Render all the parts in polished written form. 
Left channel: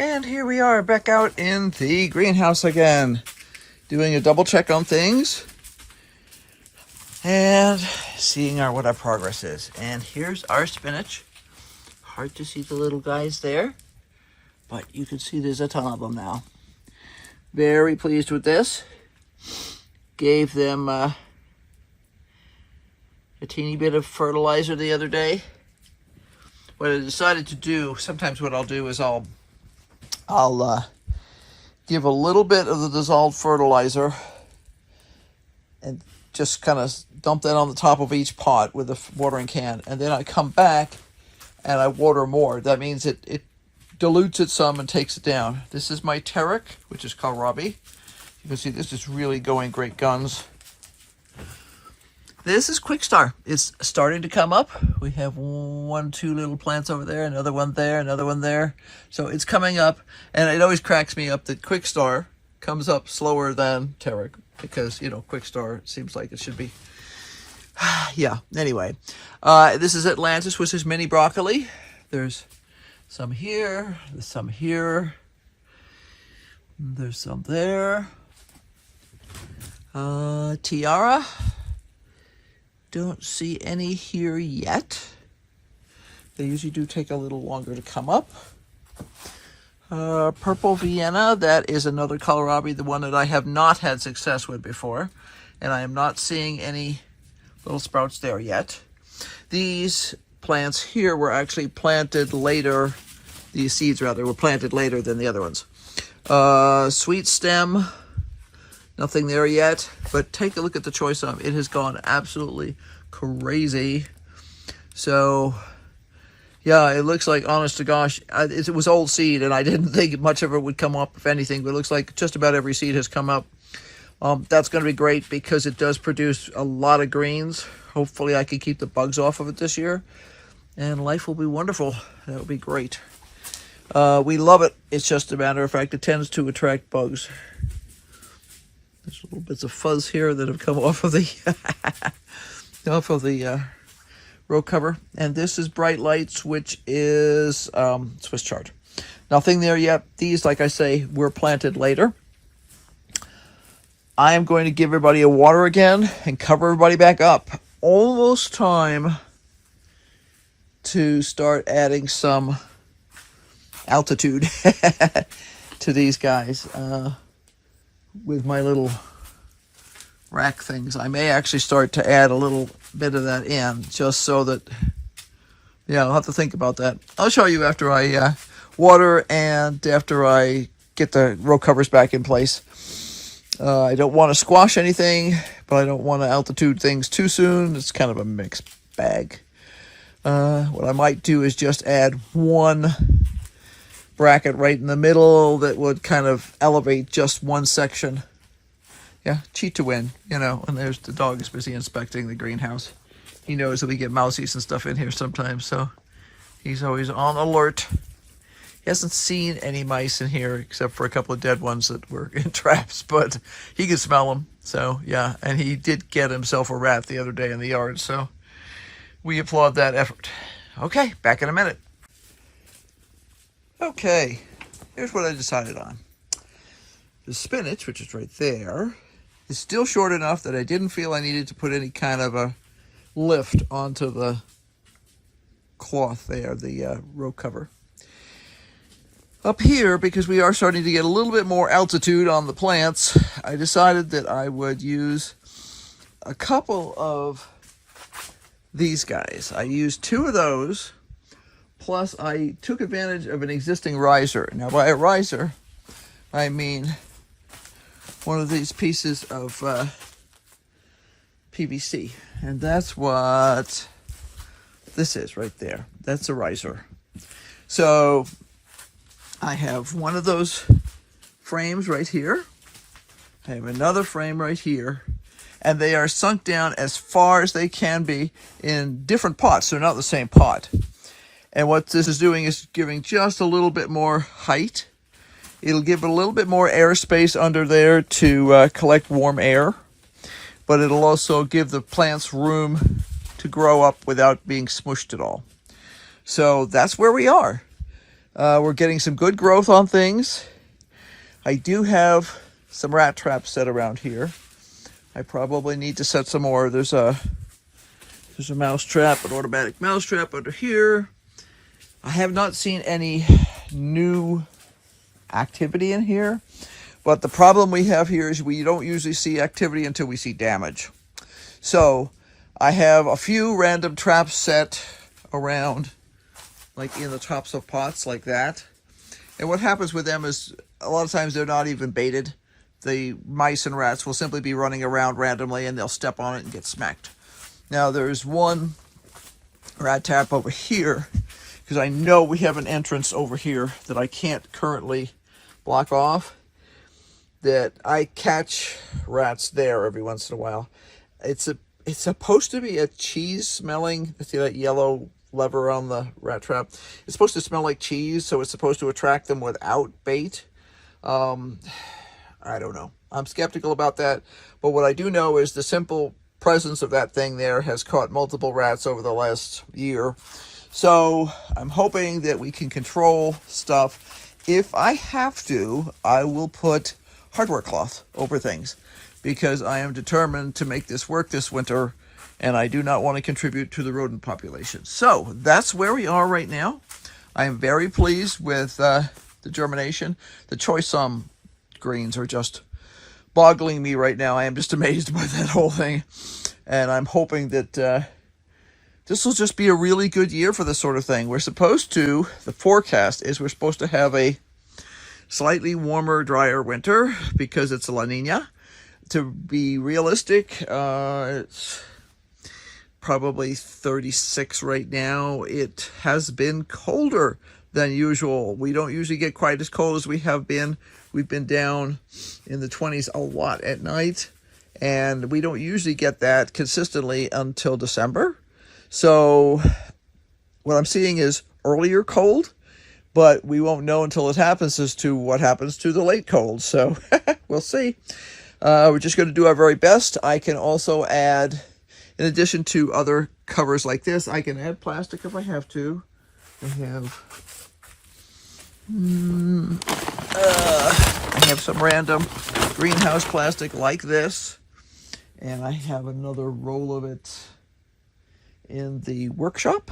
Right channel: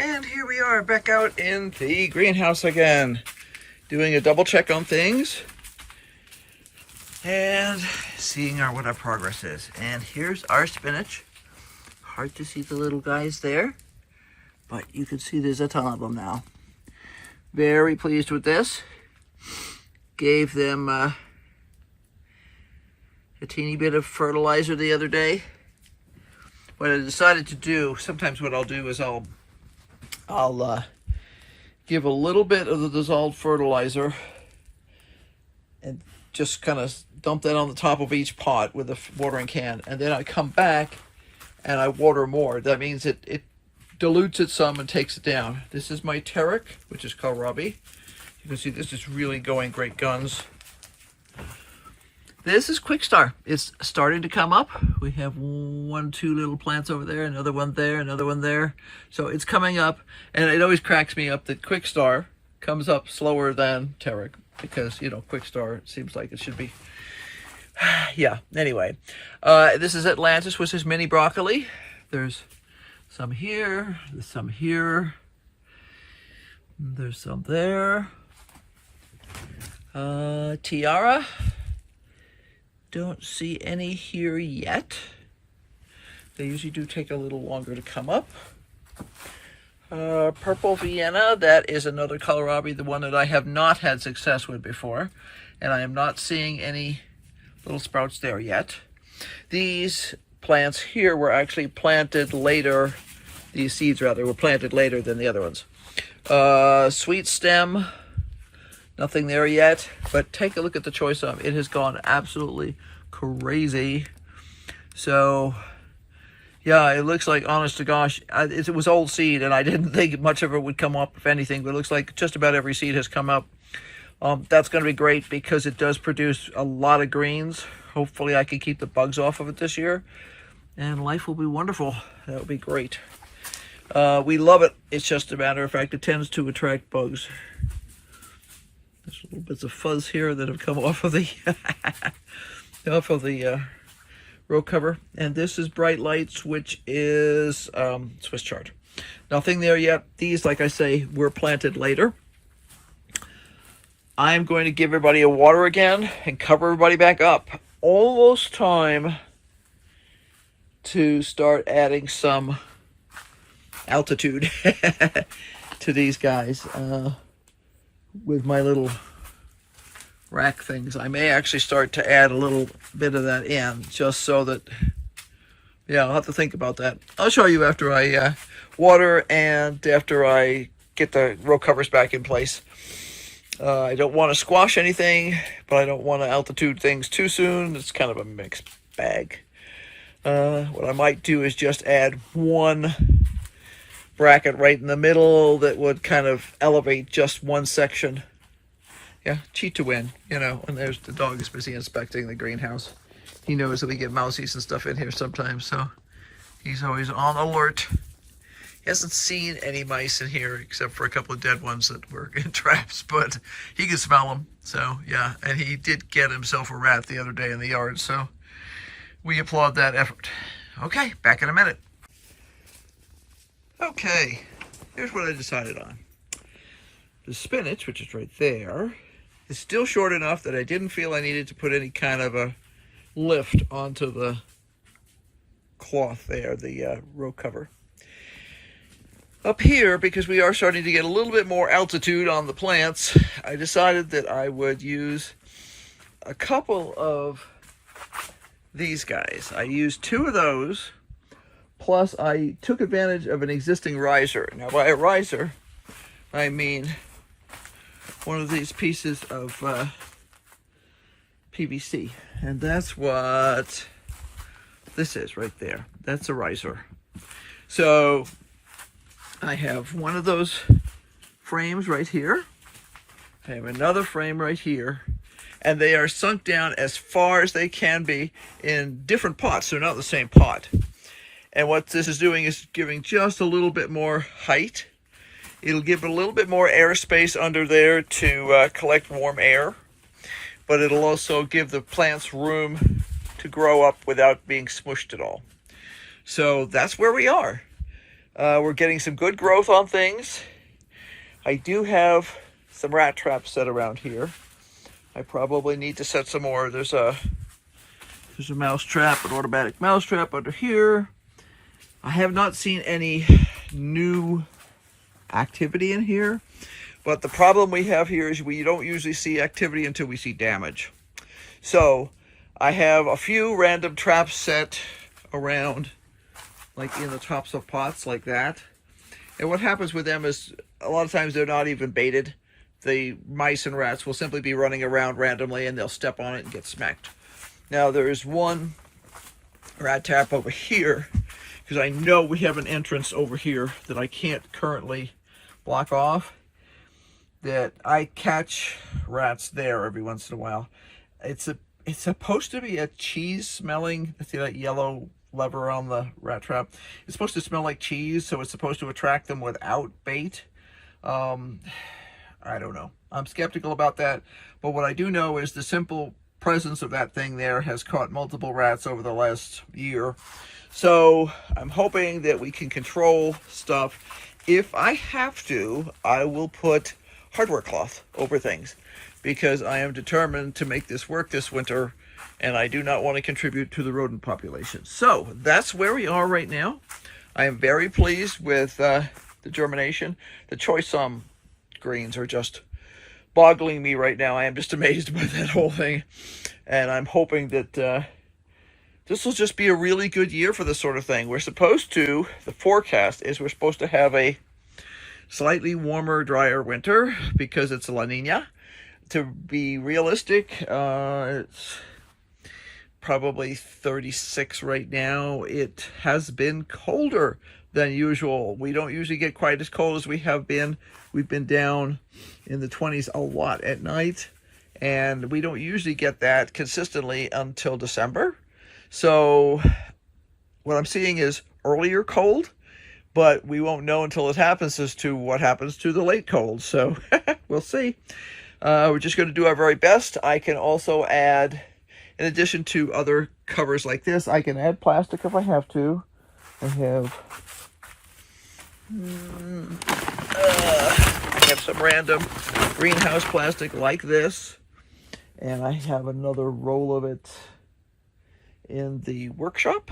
And here we are back out in the greenhouse again, doing a double check on things and seeing what our progress is. And here's our spinach. Hard to see the little guys there, but you can see there's a ton of them now. Very pleased with this. Gave them a teeny bit of fertilizer the other day. What I decided to do, sometimes what I'll do is I'll give a little bit of the dissolved fertilizer and just kind of dump that on the top of each pot with a watering can, and then I come back and I water more. That means it dilutes it some and takes it down. This is my Terric, which is kohlrabi. You can see this is really going great guns. This is Quickstar. It's starting to come up. We have 1, 2 little plants over there, another one there, another one there. So it's coming up, and it always cracks me up that Quickstar comes up slower than Terric because, you know, Quickstar seems like it should be. Yeah, anyway. This is Atlantis, which is mini broccoli. There's some here, there's some here, there's some there. Tiara. Don't see any here yet. They usually do take a little longer to come up. Purple Vienna, that is another kohlrabi, the one that I have not had success with before. And I am not seeing any little sprouts there yet. These plants here were actually planted later. These seeds, rather, were planted later than the other ones. Sweet stem. Nothing there yet, but take a look at the choice of it. Has gone absolutely crazy. So, yeah, it looks like, honest to gosh, it was old seed, and I didn't think much of it would come up, if anything, but it looks like just about every seed has come up. That's going to be great because it does produce a lot of greens. Hopefully I can keep the bugs off of it this year, and life will be wonderful. That will be great. We love it. It's just a matter of fact, it tends to attract bugs. There's little bits of fuzz here that have come off of the row cover. And this is Bright Lights, which is Swiss chard. Nothing there yet. These, like I say, were planted later. I am going to give everybody a water again and cover everybody back up. Almost time to start adding some altitude to these guys. With my little rack things, I may actually start to add a little bit of that in, just so that, yeah, I'll have to think about that. I'll show you after I water and after I get the row covers back in place. I don't want to squash anything, but I don't want to altitude things too soon. It's kind of a mixed bag. What I might do is just add one bracket right in the middle that would kind of elevate just one section. Yeah, cheat to win, you know. And there's the dog is busy inspecting the greenhouse. He knows that we get mousies and stuff in here sometimes, so he's always on alert. He hasn't seen any mice in here except for a couple of dead ones that were in traps, but he can smell them. So yeah, and he did get himself a rat the other day in the yard, so we applaud that effort. Okay, back in a minute. Okay, here's what I decided on. The spinach, which is right there, is still short enough that I didn't feel I needed to put any kind of a lift onto the cloth there, the row cover. Up here, because we are starting to get a little bit more altitude on the plants, I decided that I would use a couple of these guys. I used 2 of those. Plus, I took advantage of an existing riser. Now, by a riser, I mean one of these pieces of PVC. And that's what this is right there. That's a riser. So, I have one of those frames right here. I have another frame right here. And they are sunk down as far as they can be in different pots. They're not the same pot. And what this is doing is giving just a little bit more height. It'll give it a little bit more airspace under there to collect warm air. But it'll also give the plants room to grow up without being smushed at all. So that's where we are. We're getting some good growth on things. I do have some rat traps set around here. I probably need to set some more. There's a mouse trap, an automatic mouse trap under here. I have not seen any new activity in here, but the problem we have here is we don't usually see activity until we see damage. So I have a few random traps set around, like in the tops of pots like that. And what happens with them is a lot of times they're not even baited. The mice and rats will simply be running around randomly and they'll step on it and get smacked. Now there's one rat trap over here, because I know we have an entrance over here that I can't currently block off, that I catch rats there every once in a while. It's supposed to be a cheese smelling, see that yellow lever on the rat trap? It's supposed to smell like cheese, so it's supposed to attract them without bait. I don't know. I'm skeptical about that, but what I do know is the simple presence of that thing there has caught multiple rats over the last year. So I'm hoping that we can control stuff. If I have to, I will put hardware cloth over things, because I am determined to make this work this winter, and I do not want to contribute to the rodent population. So that's where we are right now. I am very pleased with the germination. The choice greens are just boggling me right now. I am just amazed by that whole thing, and I'm hoping that this will just be a really good year for this sort of thing. We're supposed to, the forecast is we're supposed to have a slightly warmer, drier winter because it's a La Nina. To be realistic, it's probably 36 right now. It has been colder than usual. We don't usually get quite as cold as we have been. We've been down in the 20s a lot at night, and we don't usually get that consistently until December. So what I'm seeing is earlier cold, but we won't know until it happens as to what happens to the late cold. So we'll see. We're just going to do our very best. I can also add, in addition to other covers like this, I can add plastic if I have to. I have some random greenhouse plastic like this, and I have another roll of it in the workshop,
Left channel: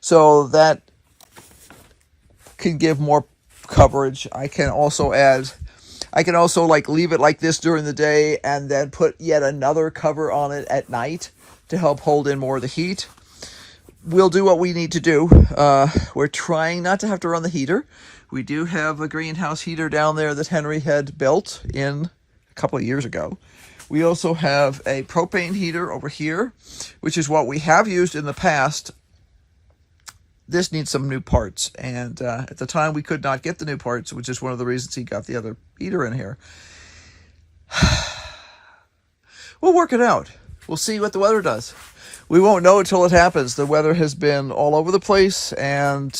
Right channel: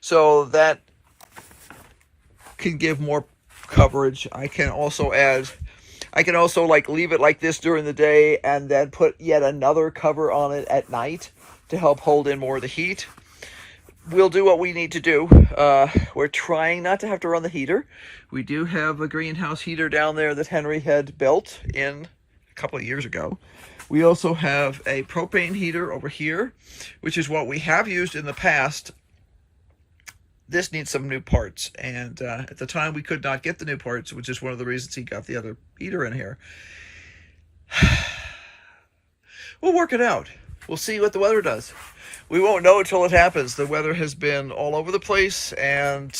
so that can give more coverage. I can also like leave it like this during the day and then put yet another cover on it at night to help hold in more of the heat. We'll do what we need to do. We're trying not to have to run the heater. We do have a greenhouse heater down there that Henry had built in a couple of years ago. We also have a propane heater over here, which is what we have used in the past. This needs some new parts, and at the time we could not get the new parts, which is one of the reasons he got the other heater in here. We'll work it out. We'll see what the weather does. We won't know until it happens. The weather has been all over the place, and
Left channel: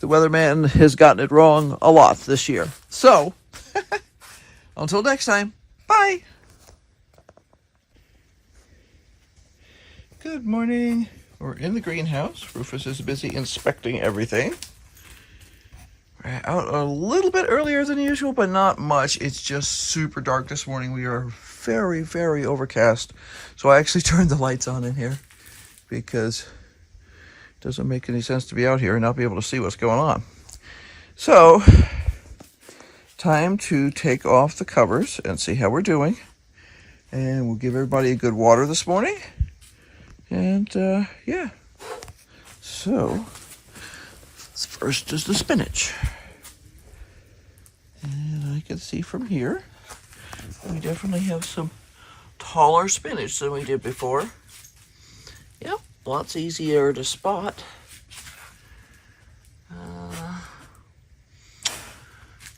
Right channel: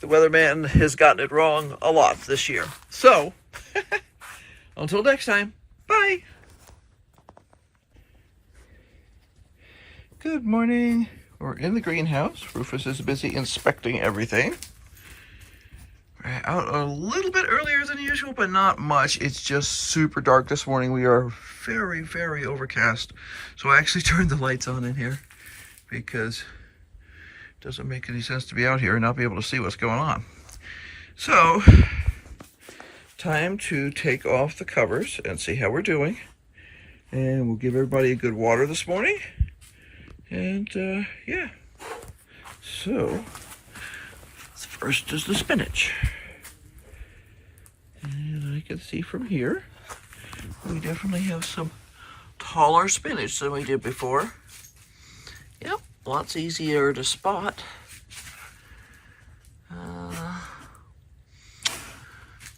the weatherman has gotten it wrong a lot this year. So, until next time, bye! Good morning. We're in the greenhouse. Rufus is busy inspecting everything. We're out a little bit earlier than usual, but not much. It's just super dark this morning. We are very, very overcast. So I actually turned the lights on in here because it doesn't make any sense to be out here and not be able to see what's going on. So, time to take off the covers and see how we're doing. And we'll give everybody a good water this morning. And yeah, so first is the spinach. And I can see from here, we definitely have some taller spinach than we did before. Yep, lots easier to spot.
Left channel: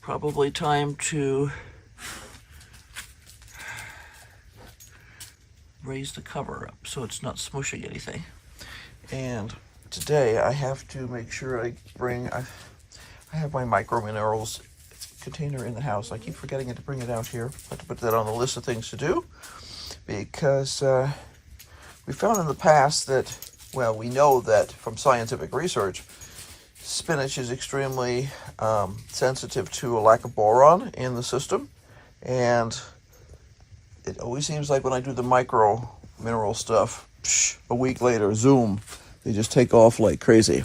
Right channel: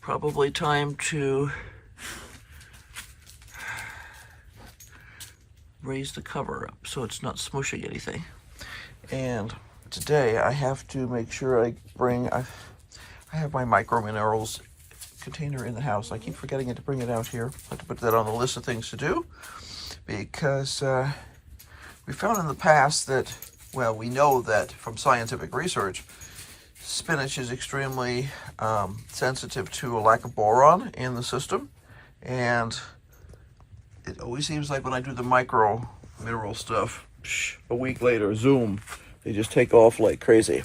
Probably time to raise the cover up so it's not smushing anything. And today I have to make sure I have my micro minerals container in the house. I keep forgetting to bring it out here. I have to put that on the list of things to do, because we found in the past that, well, we know that from scientific research spinach is extremely sensitive to a lack of boron in the system, and it always seems like when I do the micro mineral stuff, a week later, zoom, they just take off like crazy.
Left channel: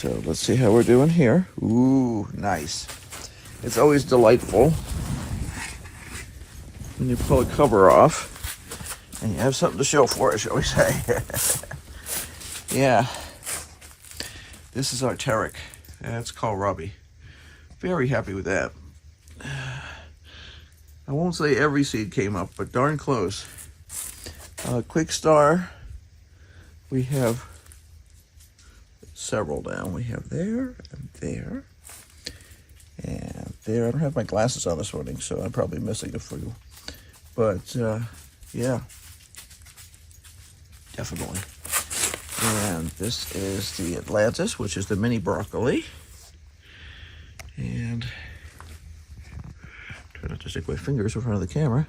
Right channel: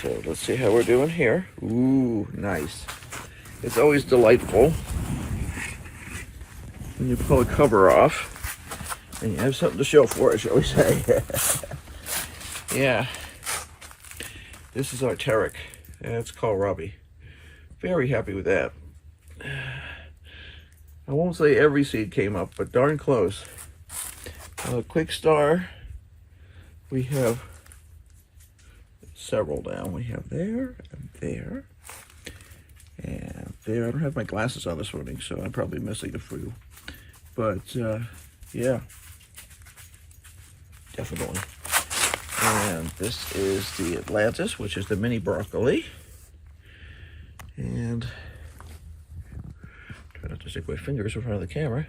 So let's see how we're doing here. Ooh, nice. It's always delightful when you pull a cover off and you have something to show for it, shall we say. Yeah. This is our Tarek. It's kohlrabi. Very happy with that. I won't say every seed came up, but darn close. Quick Star, we have several down. We have there and there and there. I don't have my glasses on this morning, so I'm probably missing a few. But yeah, definitely. And this is the Atlantis, which is the mini broccoli. And try not to stick my fingers in front of the camera.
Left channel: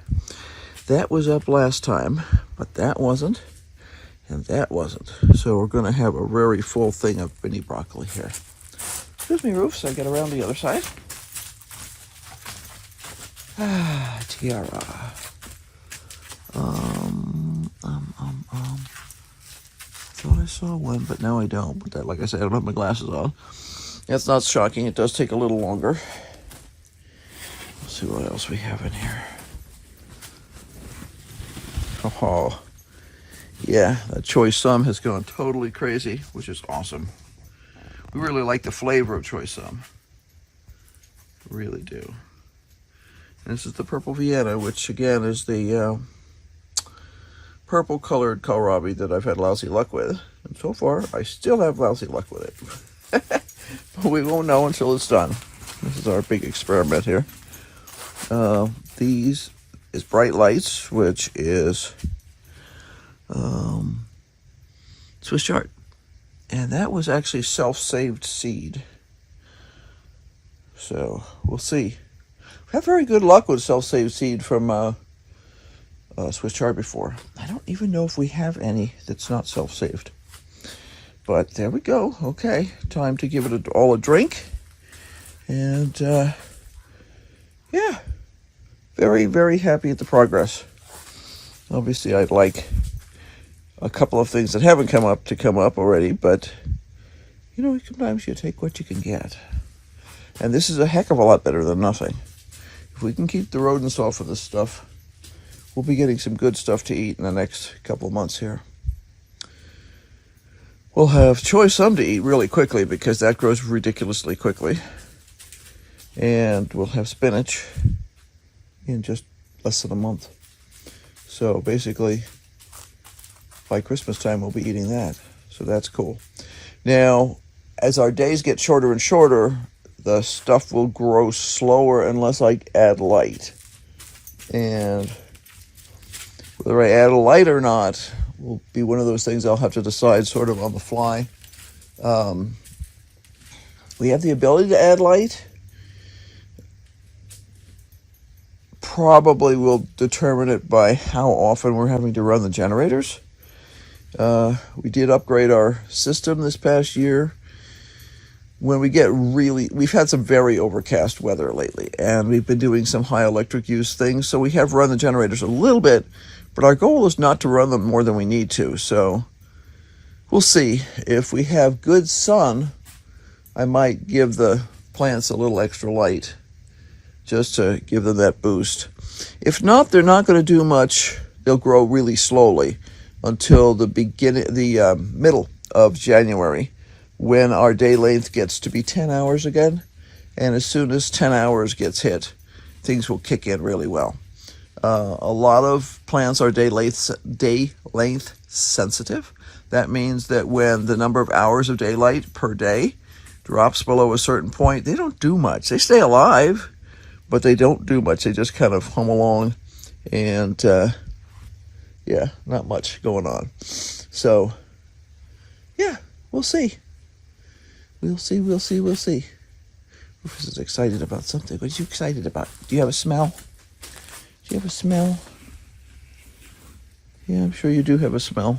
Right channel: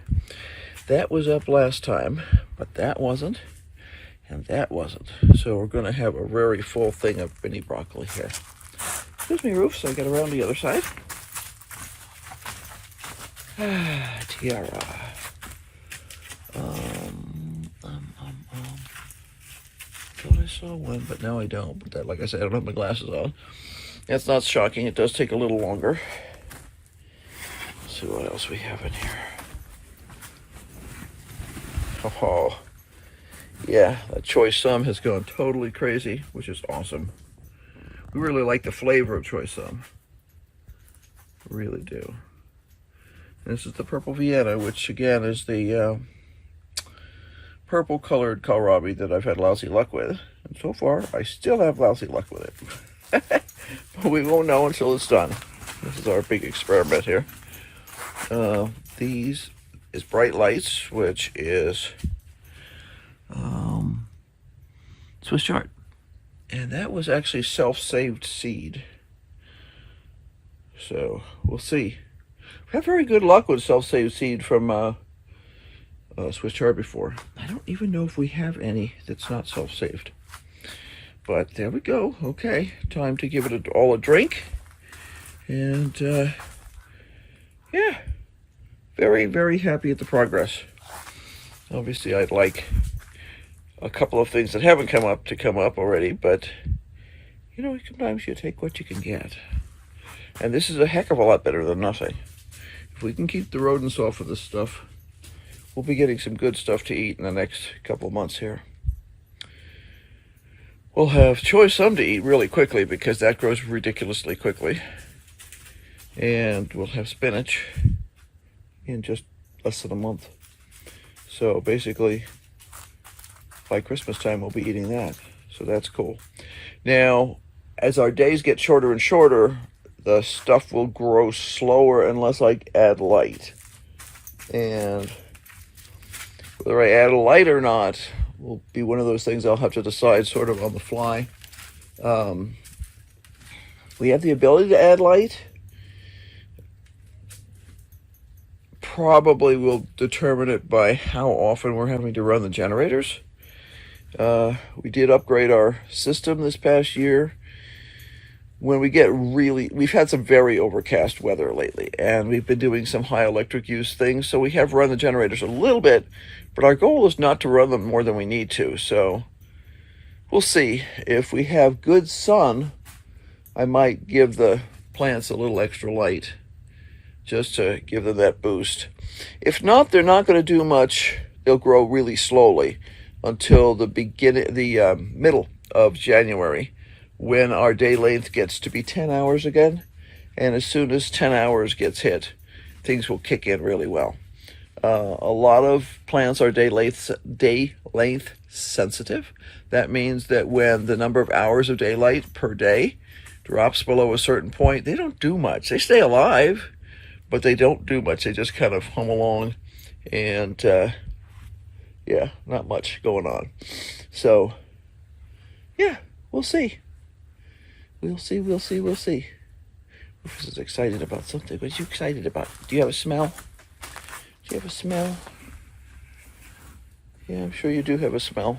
That was up last time, but that wasn't, and that wasn't. So we're gonna have a very full thing of mini broccoli here. Excuse me, Roof, so I get around the other side. Tiara. Thought I saw one, but now I don't. But that, like I said, I don't have my glasses on. That's not shocking. It does take a little longer. Let's see what else we have in here. Oh, yeah, that choice sum has gone totally crazy, which is awesome. We really like the flavor of choice sum. Really do. And this is the purple Vienna, which again is the purple colored kohlrabi that I've had lousy luck with. And so far, I still have lousy luck with it. But we won't know until it's done. This is our big experiment here. These is Bright Lights, which is Swiss chard. And that was actually self-saved seed. So we'll see. We've had very good luck with self-saved seed from Swiss chard before. I don't even know if we have any that's not self-saved. But there we go. Okay, time to give it all a drink. And yeah, very, very happy at the progress. Obviously, I'd like a couple of things that haven't come up to come up already, but you know, sometimes you take what you can get. And this is a heck of a lot better than nothing. If we can keep the rodents off of this stuff, we'll be getting some good stuff to eat in the next couple of months here. We'll have choice sum to eat really quickly because that grows ridiculously quickly. And we'll have spinach in just less than a month. So basically, by Christmas time, we'll be eating that. So that's cool. Now, as our days get shorter and shorter, the stuff will grow slower unless I add light. And whether I add a light or not will be one of those things I'll have to decide sort of on the fly. We have the ability to add light. Probably will determine it by how often we're having to run the generators. We did upgrade our system this past year. When we get we've had some very overcast weather lately, and we've been doing some high electric use things, so we have run the generators a little bit, but our goal is not to run them more than we need to, so we'll see. If we have good sun, I might give the plants a little extra light just to give them that boost. If not, they're not going to do much. They'll grow really slowly until the middle of January, when our day length gets to be 10 hours again. And as soon as 10 hours gets hit, things will kick in really well. A lot of plants are day length sensitive. That means that when the number of hours of daylight per day drops below a certain point, they don't do much. They stay alive, but they don't do much. They just kind of hum along, and yeah, not much going on. So yeah, we'll see. We'll see. Rufus is excited about something. What are you excited about? Do you have a smell? Do you have a smell? Yeah, I'm sure you do have a smell.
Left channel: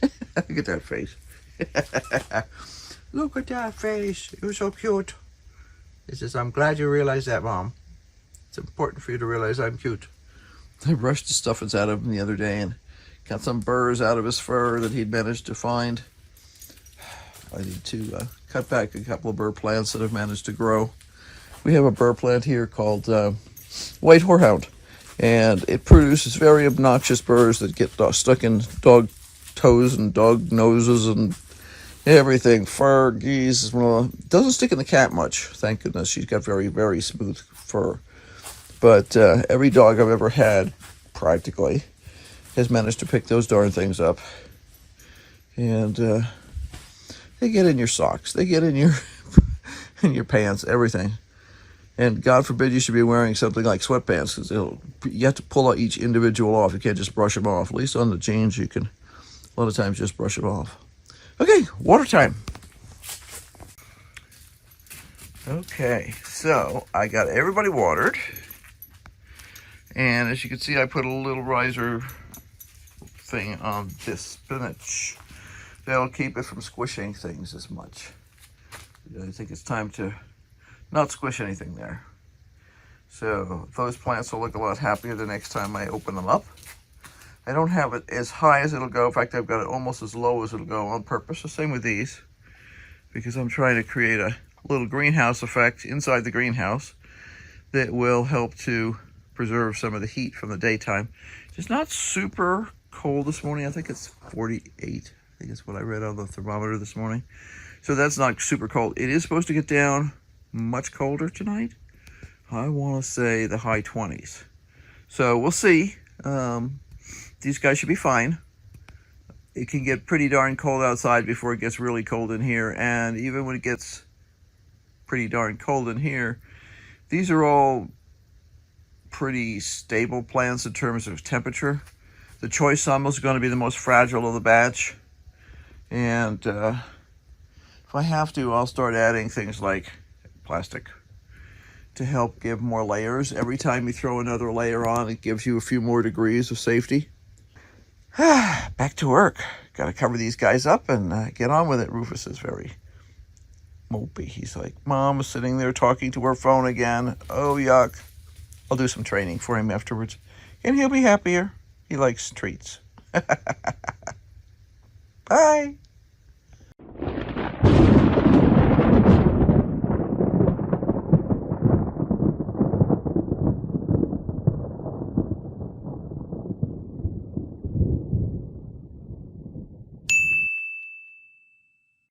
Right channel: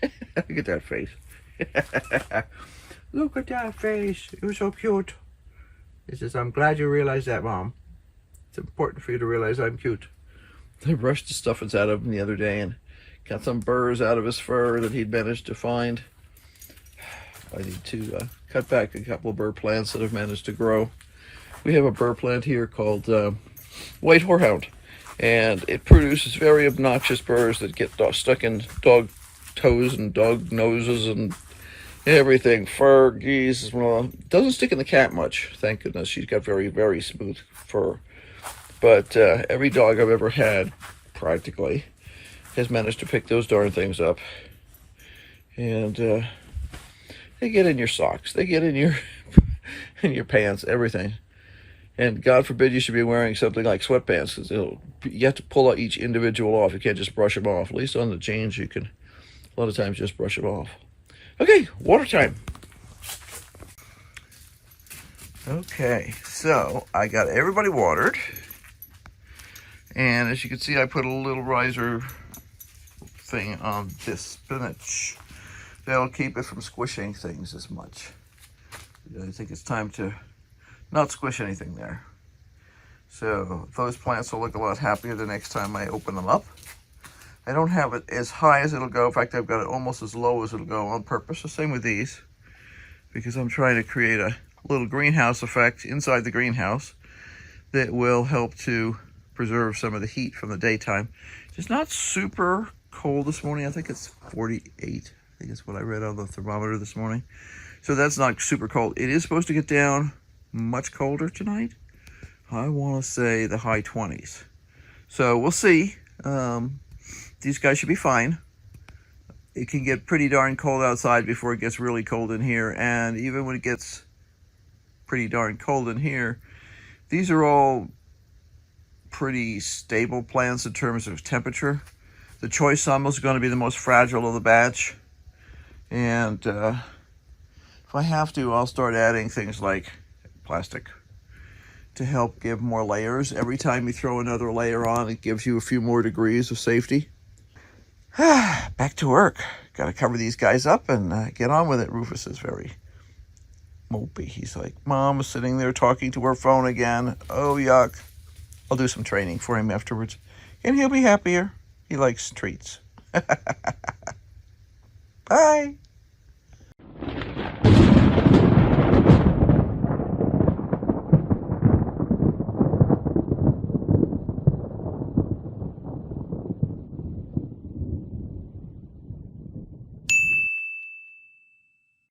Look at that face. Look at that face. You're so cute. He says, I'm glad you realized that, Mom. It's important for you to realize I'm cute. I brushed the stuffings out of him the other day and got some burrs out of his fur that he'd managed to find. I need to cut back a couple of burr plants that I've managed to grow. We have a burr plant here called white horehound, and it produces very obnoxious burrs that get stuck in dog toes and dog noses and everything. Fur, geese. Doesn't stick in the cat much, thank goodness. She's got very, very smooth fur. But every dog I've ever had, practically, has managed to pick those darn things up. And they get in your socks. They get in your in your pants, everything. And God forbid you should be wearing something like sweatpants, because you have to pull out each individual off. You can't just brush them off. At least on the jeans, you can a lot of times just brush it off. Okay, water time. Okay, so I got everybody watered. And as you can see, I put a little riser thing on this spinach. That'll keep it from squishing things as much. I think it's time to not squish anything there. So those plants will look a lot happier the next time I open them up. I don't have it as high as it'll go. In fact, I've got it almost as low as it'll go on purpose. The same with these, because I'm trying to create a little greenhouse effect inside the greenhouse that will help to preserve some of the heat from the daytime. It's not super cold this morning. I think it's 48. I think it's what I read on the thermometer this morning. So that's not super cold. It is supposed to get down much colder tonight. I want to say the high 20s. So we'll see. These guys should be fine. It can get pretty darn cold outside before it gets really cold in here. And even when it gets pretty darn cold in here, these are all pretty stable plants in terms of temperature. The choice sum is going to be the most fragile of the batch. And if I have to, I'll start adding things like plastic to help give more layers. Every time you throw another layer on, it gives you a few more degrees of safety. Back to work. Got to cover these guys up and get on with it. Rufus is very mopey. He's like, Mom is sitting there talking to her phone again. Oh, yuck. I'll do some training for him afterwards, and he'll be happier. He likes treats. Bye.